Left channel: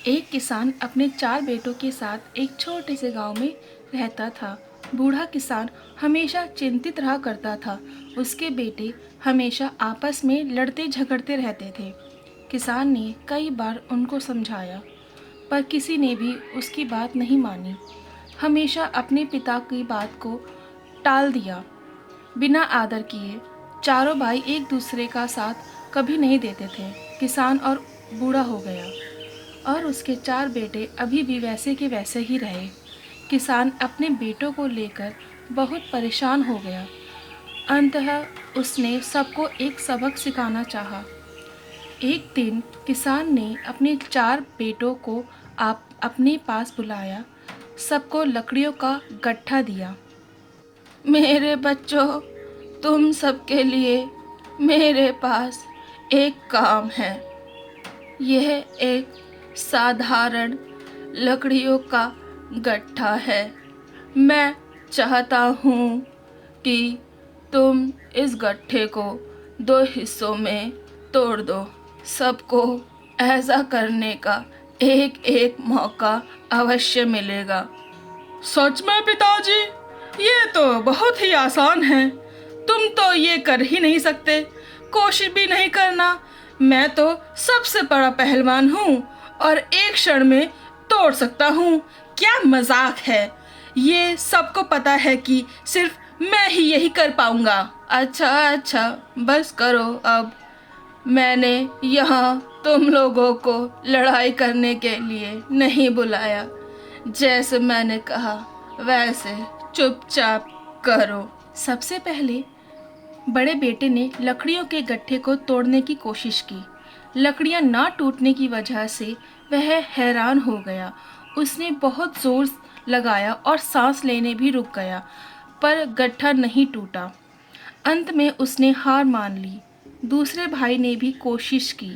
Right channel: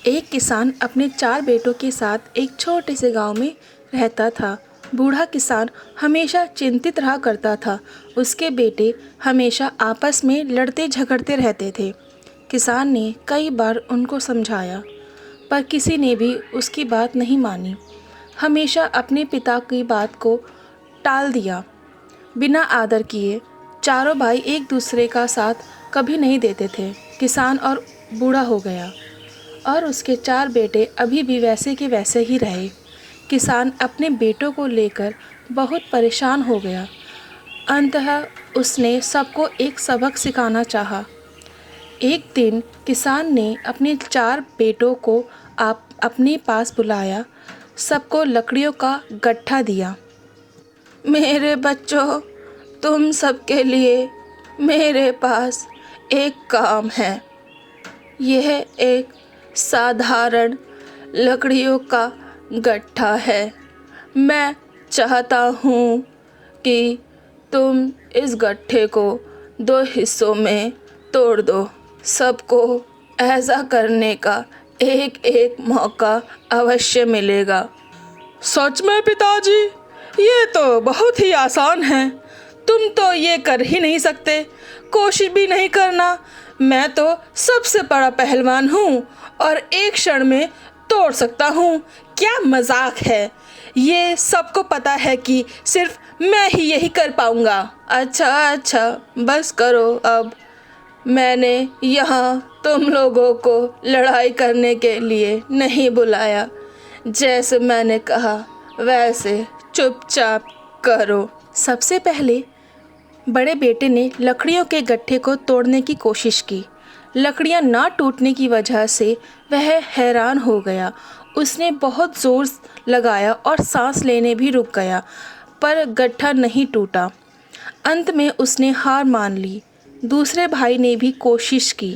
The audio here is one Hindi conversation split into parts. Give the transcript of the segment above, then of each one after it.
एक किसान अपने 4 बेटों के साथ एक छोटे से गांव में रहता था। बूढ़ा किसान हमेशा चिंतित रहा करता था। उसके बेटे हमेशा आपस में लड़ते झगड़ते रहते थे। किसान ने कई बार उनको समझाया, पर किसी ने भी उसकी बात नहीं मानी। हमेशा अपने पिता की बात को टाल दिया। बिना आदर किए चारों भाई एक दूसरे का साथ कभी नहीं देते थे। किसान और बूढ़ा हो गया और उसके 4 बेटे अभी भी वैसे के वैसे ही रहे। किसान अपने बेटों को लेकर बहुत परेशान हो गया। अंततः उसने सबको एक सबक सिखाना चाहा। एक दिन किसान ने अपने 4 बेटों को अपने पास बुलाया, सबको लकड़ियों का गट्ठा दिया। मेरे बच्चों, तुम सबके लिए मेरे पास एक काम है। यह एक साधारण लकड़ियों का गट्ठा है। मैं चाहता हूँ कि तुम इस गट्ठे को 2 हिस्सों में तोड़ दो। सबको ऐसा करने का एक एक मौका अवश्य मिलेगा। सच में पिताजी, ये तो बहुत ही आसान है। तुम तो ये कर ही नहीं सकते, कोशिश भी नहीं करना। मैं तो सबसे बड़ा पहलवान हूँ और एक क्षण में तोड़ सकता हूँ। क्या मजाक है। ये सबको पता है कि सिर्फ मैं ही यही कर पाऊँगा। अच्छा, बस करो अब। मैंने यहाँ तुम लोगों को लड़ाई करने के लिए नहीं बुलाया। जैसे मैंने कहा वैसे चुपचाप करो। सबसे पहले बड़े बेटे ने लकड़ियों के गट्ठे को तोड़ने की कोशिश की। लकड़ियां ना टूटने की वजह से वह हैरान हो गया। उसने बहुत जोर लगाया और सांस लेने भी रुक गया, पर गट्ठा नहीं टूटा। अंत में उसने हार मान ली। दूसरे भाई ने भी कोशिश की,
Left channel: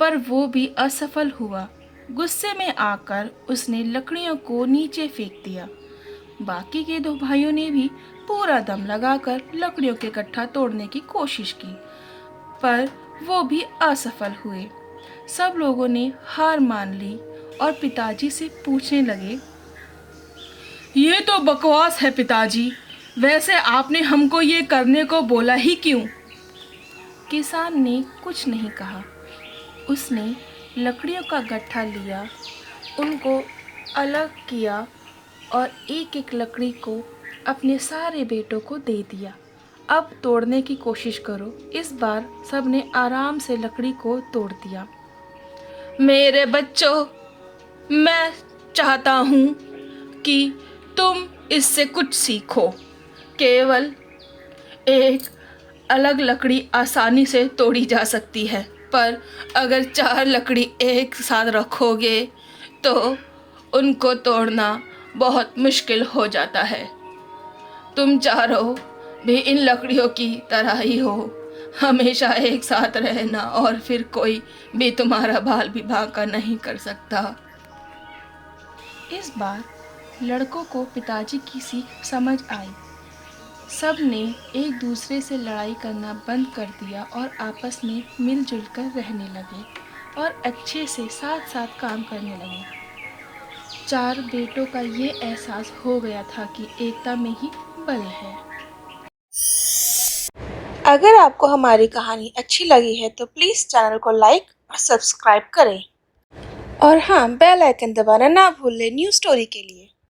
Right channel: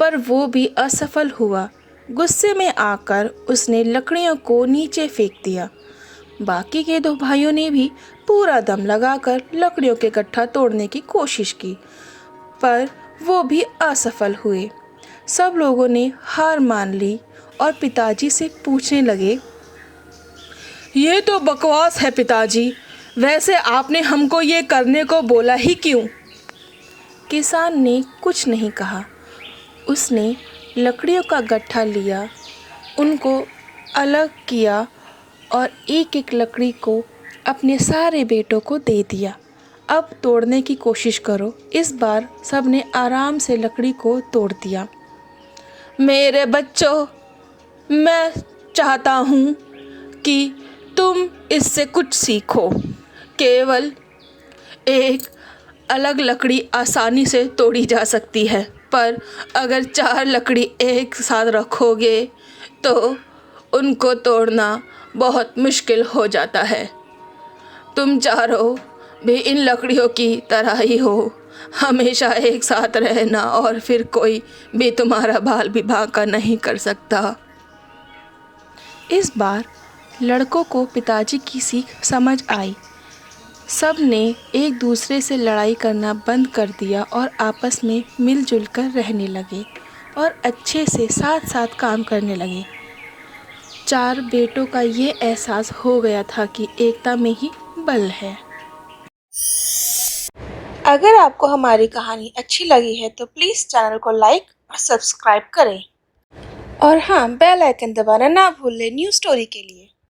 पर वो भी असफल हुआ। गुस्से में आकर उसने लकड़ियों को नीचे फेंक दिया। बाकी के 2 भाइयों ने भी पूरा दम लगाकर लकड़ियों के गट्ठा तोड़ने की कोशिश की, पर वो भी असफल हुए। सब लोगों ने हार मान ली और पिताजी से पूछने लगे, ये तो बकवास है पिताजी, वैसे आपने हमको ये करने को बोला ही क्यों? किसान ने कुछ नहीं कहा। उसने लकड़ियों का गट्ठा लिया, उनको अलग किया और एक एक लकड़ी को अपने सारे बेटों को दे दिया। अब तोड़ने की कोशिश करो। इस बार सबने आराम से लकड़ी को तोड़ दिया। मेरे बच्चों, मैं चाहता हूँ कि तुम इससे कुछ सीखो। केवल एक अलग लकड़ी आसानी से तोड़ी जा सकती है, पर अगर 4 लकड़ी एक साथ रखोगे तो उनको तोड़ना बहुत मुश्किल हो जाता है। तुम चारों भी इन लकड़ियों की तरह ही हो, हमेशा एक साथ रहना और फिर कोई भी तुम्हारा बाल विवाह का नहीं कर सकता। इस बार लड़कों को पिताजी की सीख समझ आई। सब ने एक दूसरे से लड़ाई करना बंद कर दिया और आपस में मिलजुल कर रहने लगे और अच्छे से साथ साथ काम करने लगे। 4 बेटों का ये एहसास हो गया था कि एकता में ही बल है। अगर आपको हमारी कहानी अच्छी लगी है तो प्लीज़ चैनल को लाइक और सब्सक्राइब करें। और हाँ, बेल आइकन दबाना ना भूलें न्यू स्टोरी के लिए।